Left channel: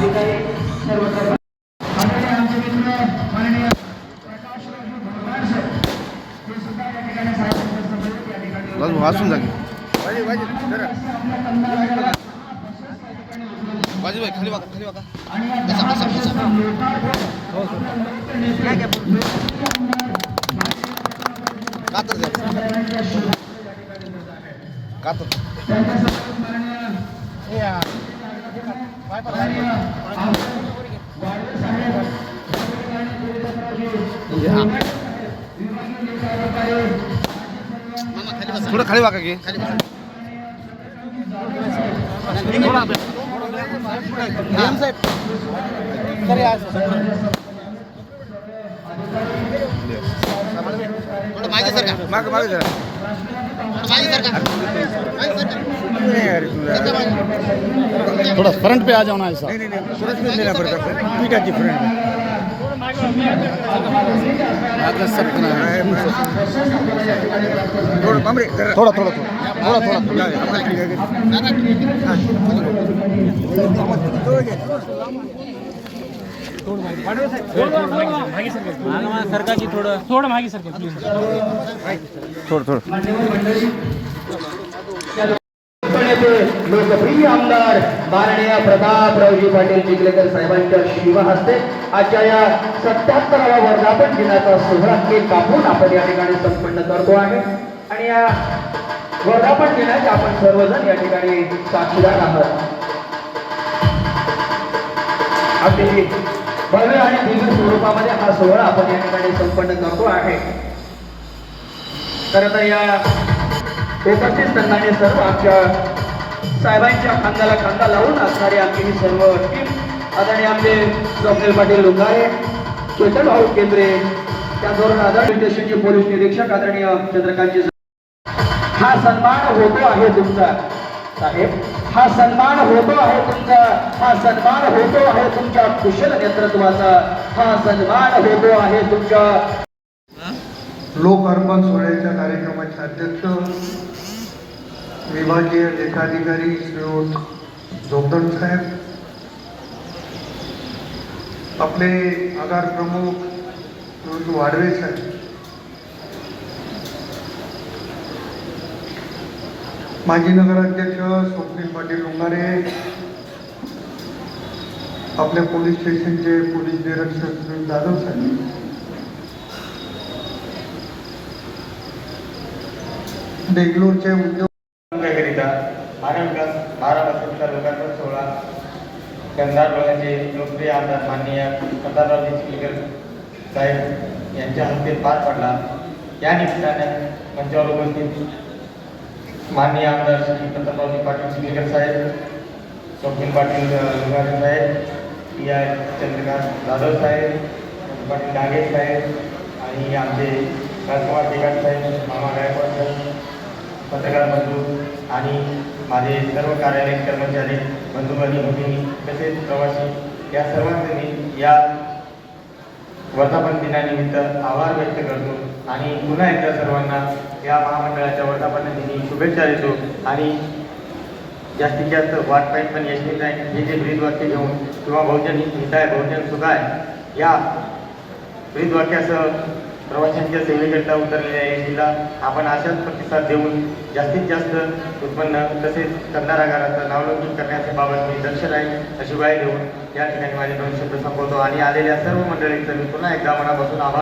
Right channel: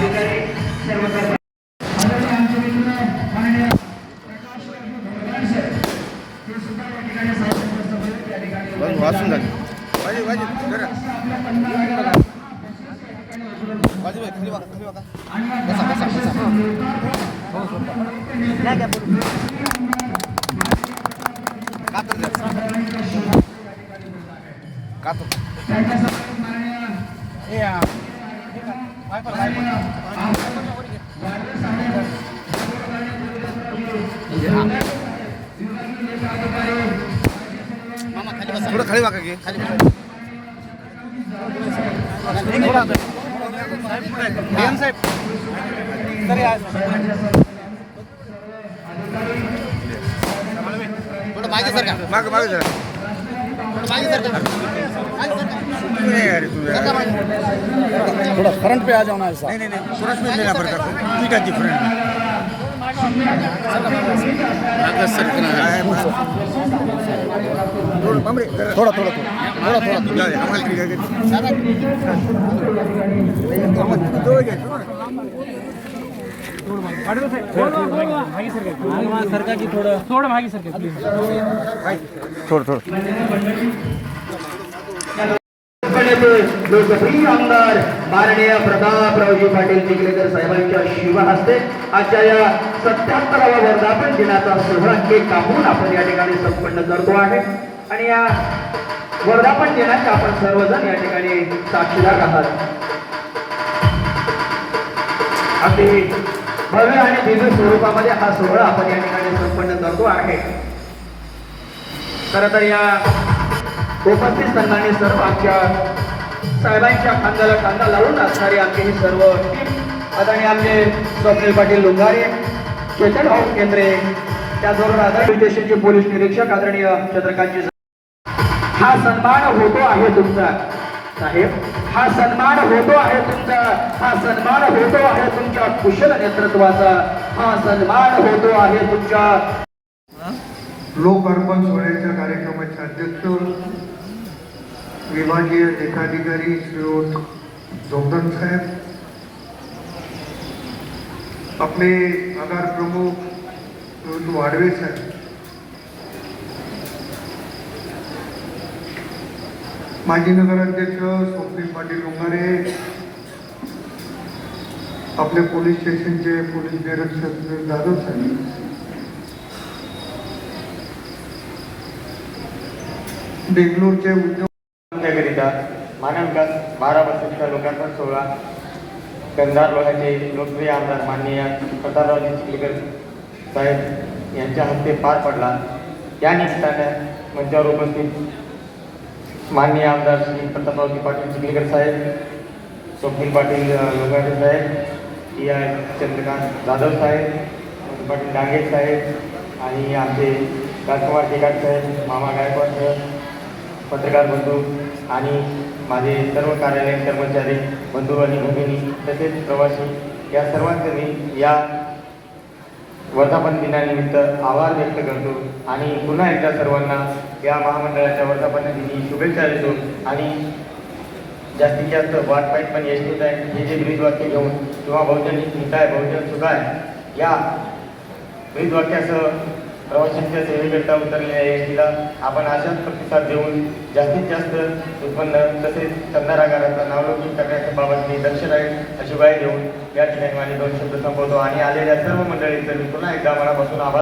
अधिकारी सर्व कर्मचारी. आदरणीय आमचे मित्र माननीय प्रकाशराव भगवान सर हे सुद्धा या ठिकाणी साहेब सहयोग या ठिकाणी वाचून झाले. वाजे वाजे जरा. आपल्या कंधाराला बाजू खाली बघा खाली बघा. आणि या दहा वर्षाचं लोकार्पण कातर द्या कातर. थोडं खाली बघा घे खाली मागे सर का? माग माग थोडं मागे सर का? मागे सर का? नहीं यार थोड़ा फ्रंट पे आ जाओ ना ऐसा नहीं नहीं नहीं. फ्रंट में लेना पड़ता ठीक है जी फ्रंट में थोड़ा थोड़ा थोड़ा थोड़ा थोड़ा थोड़ा. हमारा ठीक है. सरका की थोडं थोडं. मागे सरका प्लीज थोड़ा थोड़ा. नेते लोकप्रिय आमदार माननीय प्रतापरावजी पाटील चिखलेकर साहेबांच्या शुभ हस्ते आजच्या या सत्याहत्तराव्या वर्धापन दिनाचा सोहळा केक कापून आपण या ठिकाणी संपन्न करतो आहे. आणि या वर्धापन दिनाचे आपण सर्वजण या ठिकाणी साक्षीदार आहात. अगदी भव्य आणि दिव्य स्वरूपामध्ये हा सोहळा आपण या ठिकाणी संपन्न करतो आहे. खरं तर या उपस्थित संघाने सर्व आमच्या साहेबांच्या खांद्याला खांदा लावून असणारी आमची ही सर्व टीम आदरणीय आमचे स्वप्नील पाटील लुंगारे चेतन भाऊ केंद्रे त्याचबरोबर आदरणीय स्टेशनचे पोलीस निरीक्षक आदरणीय चंद्रकांतजी हा सन्मान होतो आहे तुमचा. साहेब हा सन्मान होतो आहे तुमचा. हा सन्मान होतो आहे तुमच्या कुशल नेतृत्वाचा. हा सन्मान होतो आहे तुमच्या लोक अर्पण सोहळ्याच्या कार्यक्रमाचे अध्यक्ष विभागीय लेखाधिकारी श्रीयुत धोकण साहेब आपले आगार प्रमुख श्रीयुत वाडवे साहेब. माजी नगराध्यक्ष स्वप्नील पाटील उंगारे आपल्या पोलीस स्टेशनचे पोलीस निरीक्षक जाधव साहेब. बेंगलोरचे उद्योग मानव विकास बारा लोकार्पण सोहळा. कंधार लोकांचे लोकप्रिय आमदार माननीय कंधाररावजी चिखलीकर साहेब यांच्या हस्ते पार पडला. या निमित्ताने मंचावर उपस्थित माननीय आमदार श्री प्रतापरावजी पाटील चिखलीकर साहेब स्वप्नील पाटील लोकारे साहेब या चंद्रकांत जाधव साहेब पाटील डांगे साहेब आणि आमचे राजकुमार केकाट साहेब मामा गायकवाड साहेब पत्रकार बंधू आणि माझे सर्व कार्यालयीन कर्मचारी बंधू आणि भगिनी तसेच प्रवासी या सर्वांनी या वर्धापन दिनानिमित्त आभार व्यक्त करतो आणि पुन्हा एकदा सर्वांना या महामंडळाच्या वर्धापन दिनी शुभेच्छा देतो आणि जास्तीत जास्त वाट पाहिजे पण यशस्वी आहे हे जे ब्रीजवाक्य घेऊन किंवा बहुजन आहे बहुजन सुखाय या ब्रीजवाक्यासह प्रवाशांच्या सेवेकरता उतरलेल्या एसटीला आपण अशाच प्रतिसाद देऊन जास्तीत जास्त उत्पन्न तसेच कंधार आगाराचा नावलौकिक करण्याच्या बाबत मी दर्शन आहे अशी ग्वाही देऊन या ठिकाणी माझे दोन शब्द संपवतो. आणि आलेल्या सर्व मंडळींचं मी पुन्हा एकदा मनापासून आभार